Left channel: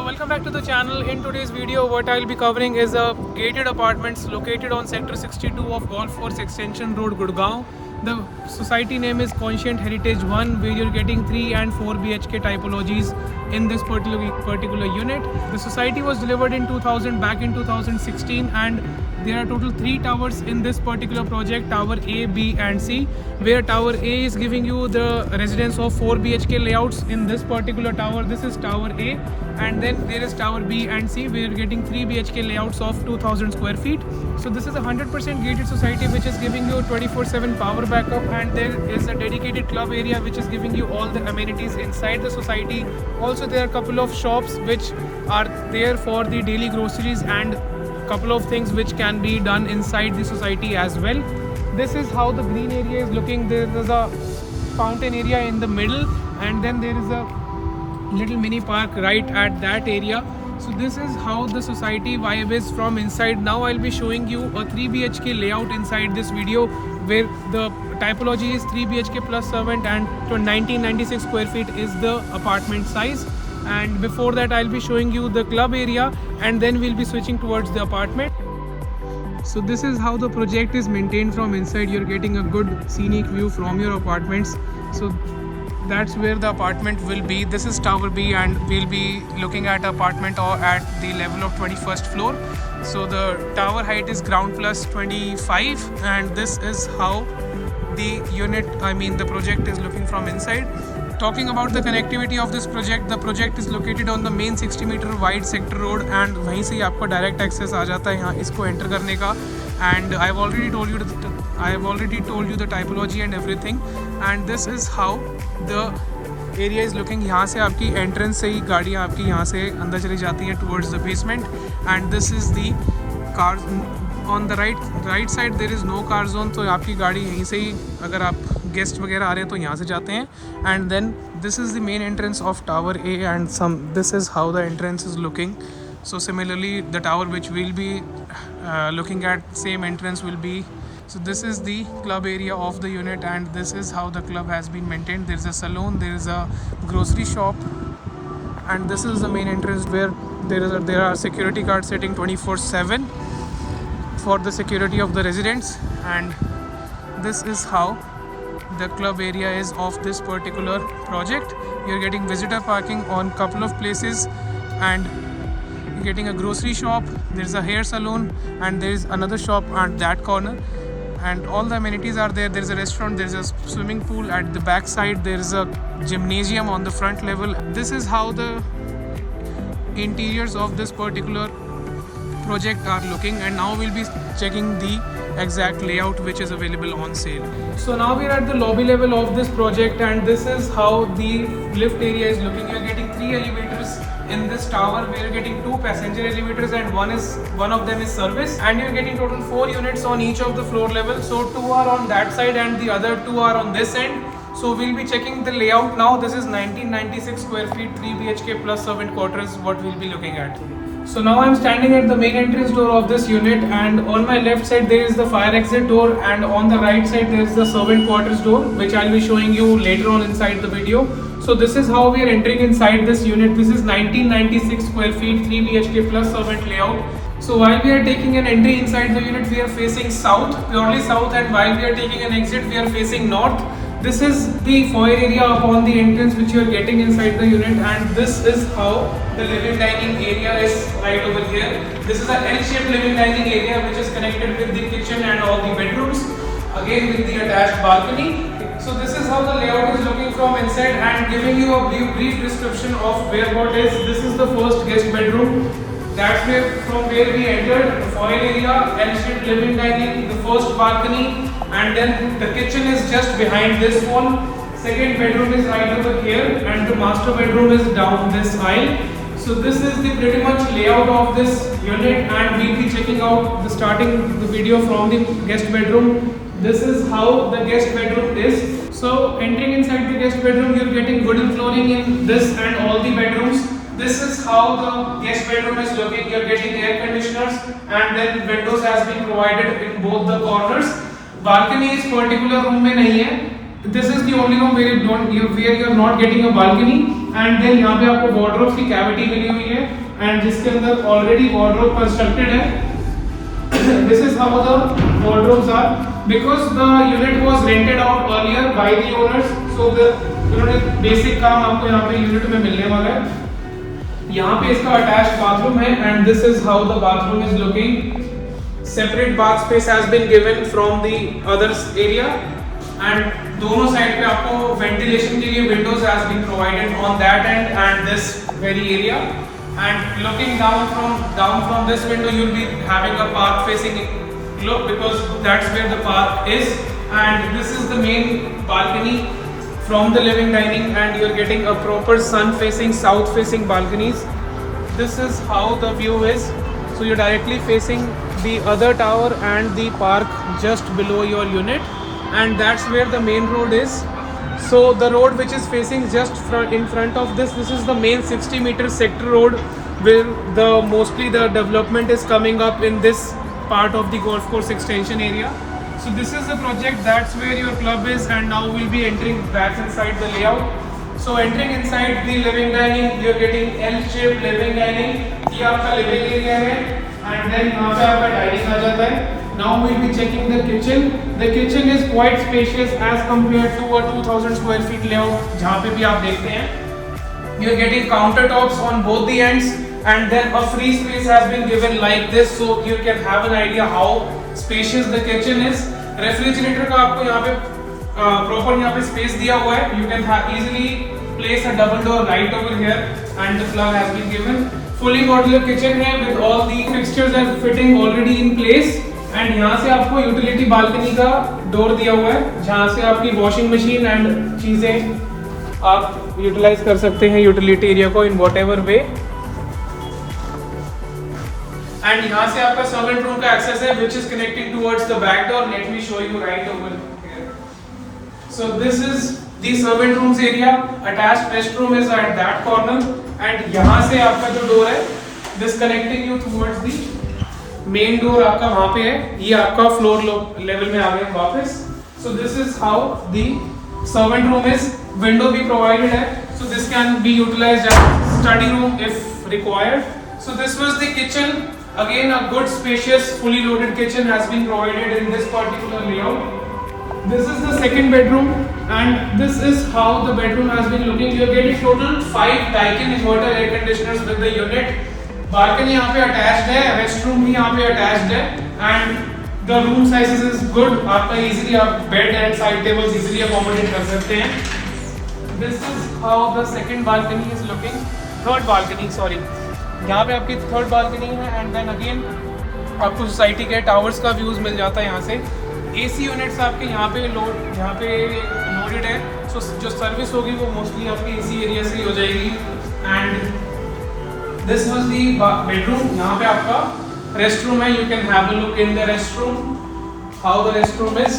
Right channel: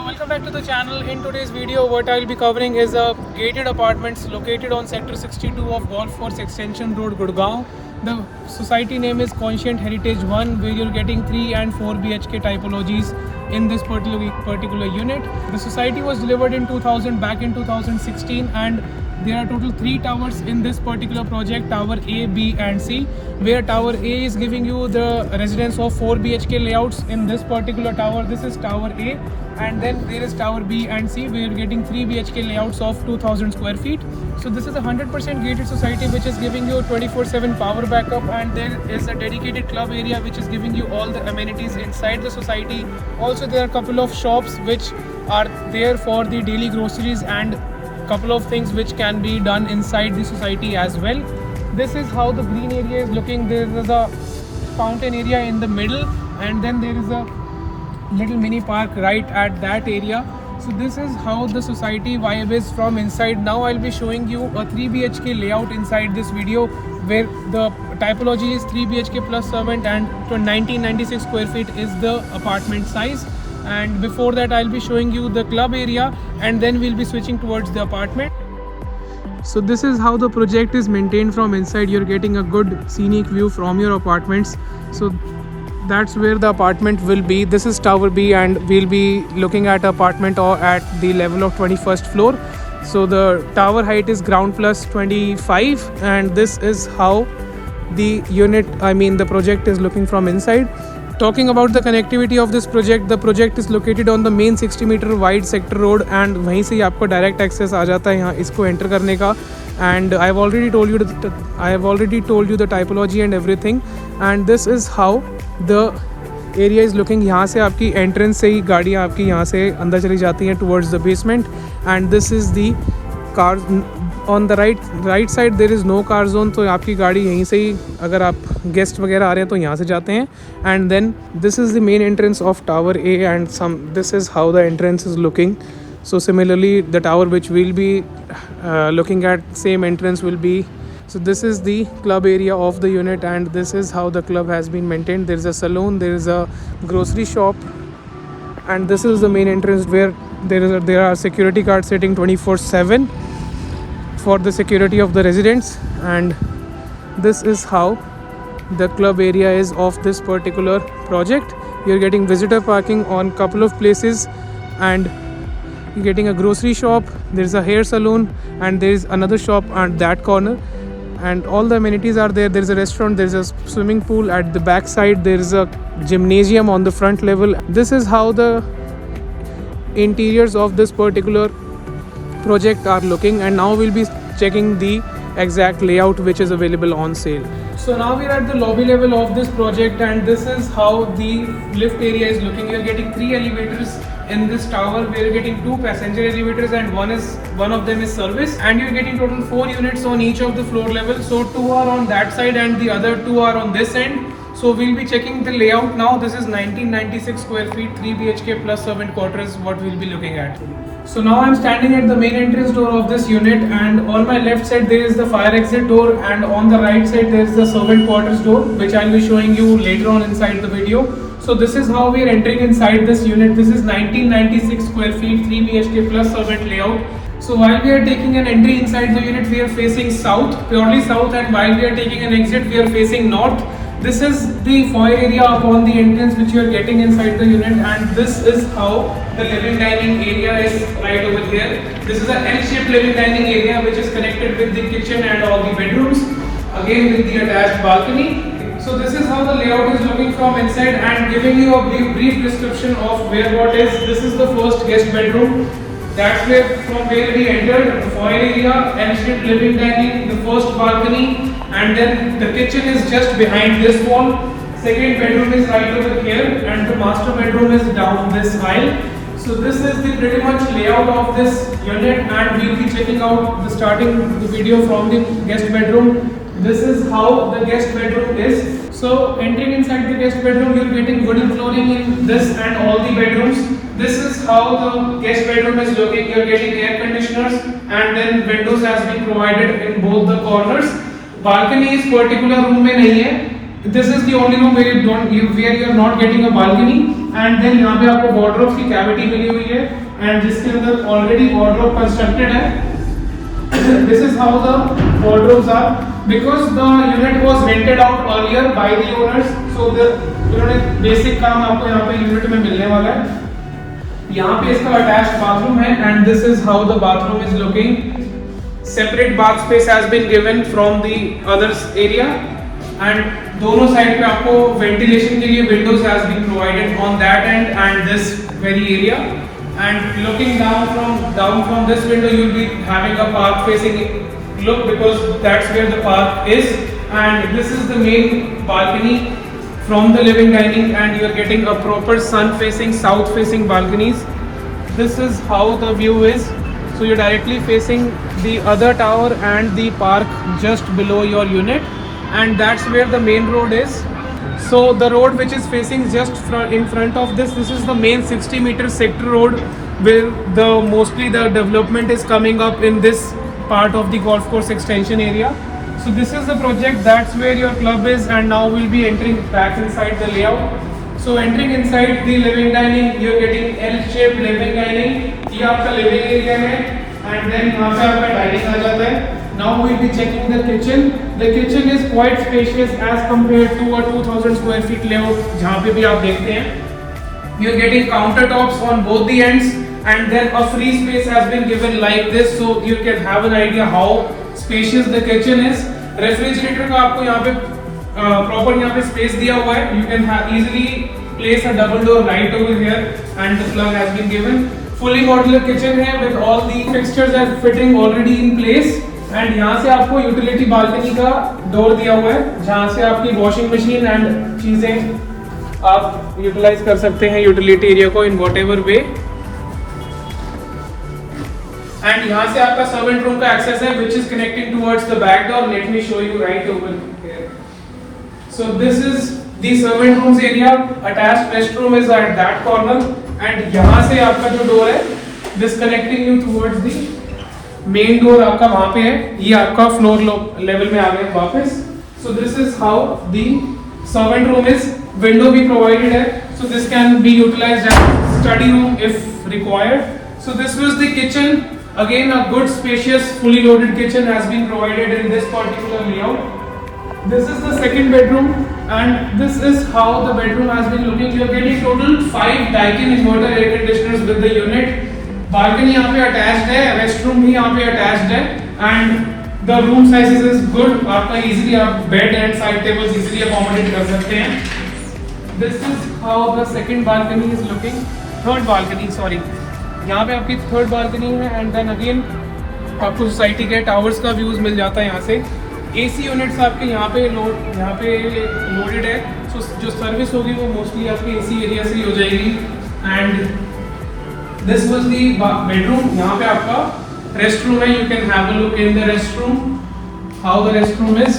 So welcome back to the channel. In today's video what I will be covering is a gated apartments located on sector 62 of Golf Course Extension Road, Gurgaon. The society name is Conscient Heritage 1, where you're getting 3 and 4 BHK typologies in this particular unit. The society was delivered in 2000, back in 2016, and there are total 3 towers in this particular project, tower A, B and C, where tower A is giving you the residence of 4 BHK layouts in this particular tower. This is tower A, and then there is tower B and C, where you're getting 3 BHK layouts of 2000 square feet. So this is a 100% gated society which is giving you 24/7 power backup, and there is a dedicated club area which is giving you all the amenities inside the society. Also there are a couple of shops which are there for the daily groceries and couple of things which can be done inside the society as well. This is how the green area is looking. There is a fountain area in the middle, and then there is a little mini park right at that area. So this is how the society vibe is from inside. Now I'll be showing you a 3 BHK layout inside this video, where the typology is 3 BHK plus servant, and to 1996 square feet is the apartment size. And before that I'll be showing you the club area, and then we'll be switching towards the apartment. So this is how the project is maintained from inside. You're getting a good scenic view from your apartments. So that's where the apartment will be. This is tower B, and we'll be looking at apartment or at the level of 21st floor. So the tower height is ground plus 25, and this is how the the project is looking from inside. Talking about the connectivity of this project, the project is located on the main 60 meter wide sector road, and वहीं से ही आपको direct access आ जाता है यहाँ इसको enter करने का. And I have already told you the typology and everything, and this is how the area is looking. यहाँ से आपकी entrance से ही गाड़ियाँ आपकी यहाँ से अंदर चली जाती हैं towards the basement, and this is the car. On the right side there is no car zone, तो आपकी गाड़ी यहीं से ही, अगर आप गेस्ट वगैरह आ रहे हैं तो यहाँ से जाते हैं. And then this is the main entrance of tower A, and this is how the entrance is looking. So similarly the tower which we'll be looking at, same entrance will be. So this is the club area of the unit, and this is how the club has been maintained. There is a saloon, there is a grocery shop, and this is the main entrance where there are security guards sitting 24/7 for the security of the residents. And this is how the club area is of this particular project. You're getting visitor parking on couple of places, and you're getting a grocery shop, there's a hair salon, and there's another shop at that corner, and all the amenities are there. There's a restaurant, there's a swimming pool at the back side, there's a gymnasium on the front level. This is how the interiors of this particular project are looking, and now we'll be checking the exact layout which is available on sale. So now we are at the lobby level of this project, and this is how the lift area is looking. You're getting 3 elevators in this tower, where you're getting 2 passenger elevators, and one of them is service, and you're getting total 4 units on each of the floor level. So 2 are on that side and the other 2 are on this end. So we'll be checking the layout now. This is 1996 square feet, 3 BHK plus servant quarters, what we'll be looking at. So now I'm standing at the main entrance door of this unit, and on my left side there is the fire exit door, and on the right side there is the servant quarters door, which I'll be showing you later on inside the video. So this is how we are entering inside this unit. This is 1996 square feet, 3 BHK plus servant layout. So while we are taking an entry inside the unit, we are facing south, purely south, and while we are taking an exit, we are facing north. This is the foyer area upon the entrance which you are getting inside the unit, and this is how the living dining area is right over here. This is an L-shaped living dining area which is connected with the kitchen and all the bedrooms, again with the attached balcony. So this is how the layout is looking from inside, and giving you a brief description of where what is. This is the first guest bedroom. That's from where we entered. The foyer area, L-shaped living dining, the first balcony, and then the kitchen is just behind this wall. Second bedroom is right over here, and the master bedroom is down this aisle. So this is the pretty much layout of this unit, and we'll be checking out starting the video from the guest bedroom. This is how the guest bedroom is. So entering inside the guest bedroom, you're getting wooden flooring in this and all the bedrooms. This is how the guest bedroom is looking. You're getting air conditioners, and then windows has been provided in both the corners. Balcony is particular room में नहीं है. This is the only room where you're not getting a balcony. And then यहाँ पे आपको wardrobe की cavity मिली हुई है and जिसके अंदर ऑलरेडी वार्डरोब कंस्ट्रक्टेड है। This is how the wardrobes are because the unit was rented out earlier by the owners, so the उन्होंने बेसिक काम आपको यहाँ पे यूनिट में मिलने वाला है। यहाँ पे इसका अटैच्ड बाथरूम है and this is how the bathroom is looking. Separate bath space has been given from the others area and दोनों साइड पे आपको वेंटिलेशन के लिए windows has been provided on that and and this very area and looking down from this window you will be having a park facing look because that's where the park is, and this is the main balcony from the living dining and you're getting a proper sun facing south facing balconies. This is how the view is, so you're directly facing the other tower and the park just below your unit, and that's where the main road is. So the road which is facing just in front of this is the main 60-meter sector road where the mostly the development is coming up in this part of the golf course extension area. So this is the project, that's where your club is, and now we'll be entering back inside the layout. So entering inside the living dining, you're getting L-shaped living dining. ये आपका living area है and then यहाँ पे आपका dining आ जाता है. Now we'll be checking the kitchen. The kitchen is quite spacious as compared to a 2000 square feet layout जहाँ पे भी आप देखते हैं. You're getting countertops on both the ends. And then a free space has been given like this, so you can have an idea how spacious the kitchen is. Refrigerator का आपको यहाँ पे proper यहाँ पे space दिया हुआ है. You can easily place a double door light over here, and the plug has been given. Fully modular kitchen है with all the fixtures are fitting already in place. And यहाँ से आपको utility balcony का door दिया हुआ है, जहाँ से आपकी washing machine and चीजें आप utilize कर सकते हैं utility area को in whatever way. एंड यहाँ से आपका सर्वेंट रूम का एक्सेस है which is connecting towards the back door. Let me show you right over here. So this is the servant rooms area. Attached restroom is at that corner and यहाँ से आपका जो door है this connecting you towards the main door आपका वहाँ पे है. ये आपका floor level में आ गए वापस. So this is how the servant room is. Window भी provided है, so this can be utilized as study room if required. So this was the kitchen. Again, a good spacious fully loaded kitchen has been provided in this particular layout. This is the second bedroom and this is how the bedroom has been looking. You are getting total 5 Daikin inverter air conditioners with the unit. Balcony यहाँ पे attached है, restroom भी यहाँ पे attached है and the room sizes is good. आपका easily आप bed and side tables easily accommodate कर सकते हैं. This is how the second balcony is looking. Third balcony, sorry. यहाँ पे आपकी थर्ड बालकनी है एंड देन अगेन आपको सोसाइटी के टावर्स का व्यूज मिल जाता है यहाँ से. एसी यूनिट्स आपके यहाँ पे लोडेड है, सो जो सर्विस होगी वो मोस्टली आपके एसी एरिया से ही हो जाएगी. And this was the bedroom. यहाँ पे आपका रेस्ट रूम है. You can have a look in the rest room how the rest room is.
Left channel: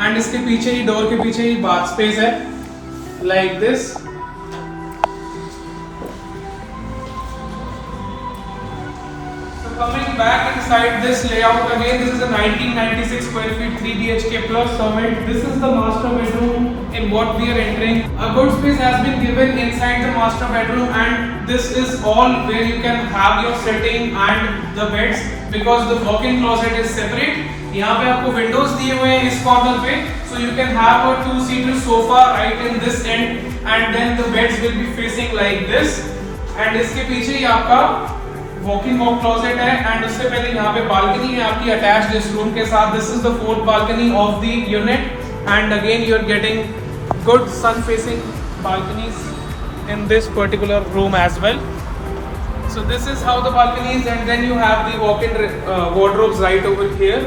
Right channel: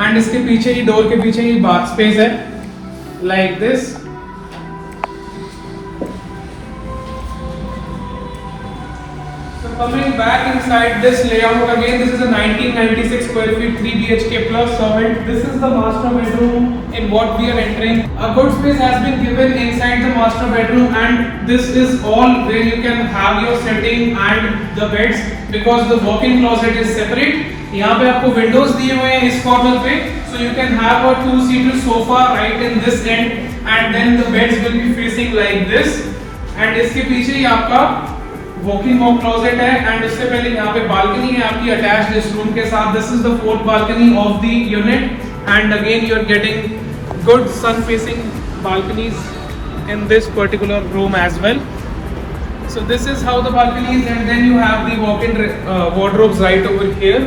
And इसके पीछे ही डोर के पीछे ही बाथ स्पेस है like this. Coming back inside this layout again, this is a 1996 square feet 3 BHK plus servant. This is the master bedroom in what we are entering. A good space has been given inside the master bedroom and this is all where you can have your setting and the beds because the walk-in closet is separate. यहाँ पे आपको windows दिए हुए हैं इस corner पे, so you can have a 2-seater sofa right in this end and then the beds will be facing like this. And इसके पीछे ही आपका वॉकिंग वॉक क्लोजेट है एंड उससे पहले यहाँ पे बालकनी है आपकी अटैच्ड इस रूम के साथ. This is the fourth balcony of the unit and again you are getting good sun facing balconies in this particular room as well. So this is how the balconies and then you have the walk in wardrobes right over here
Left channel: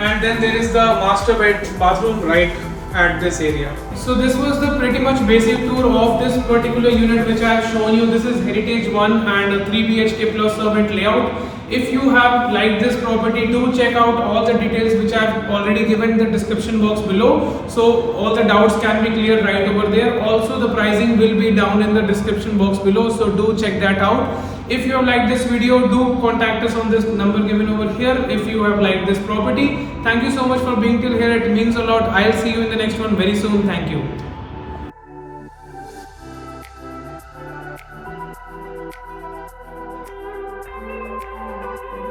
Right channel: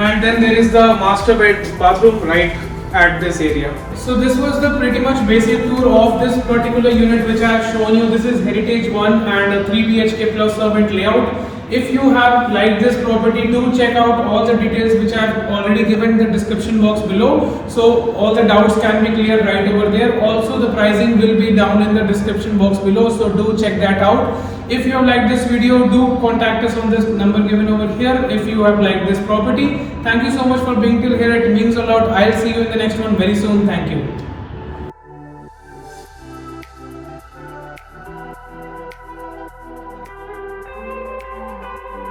and then there is the master bed bathroom right at this area. So this was the pretty much basic tour of this particular unit which I have shown you. This is Heritage 1 and a 3 BHK plus servant layout. If you have liked this property, do check out all the details which I have already given in the description box below. So all the doubts can be cleared right over there. Also the pricing will be down in the description box below. So do check that out. If you have liked this video, do contact us on this number given over here if you have liked this property. Thank you so much for being till here. It means a lot. I'll see you in the next one very soon. Thank you.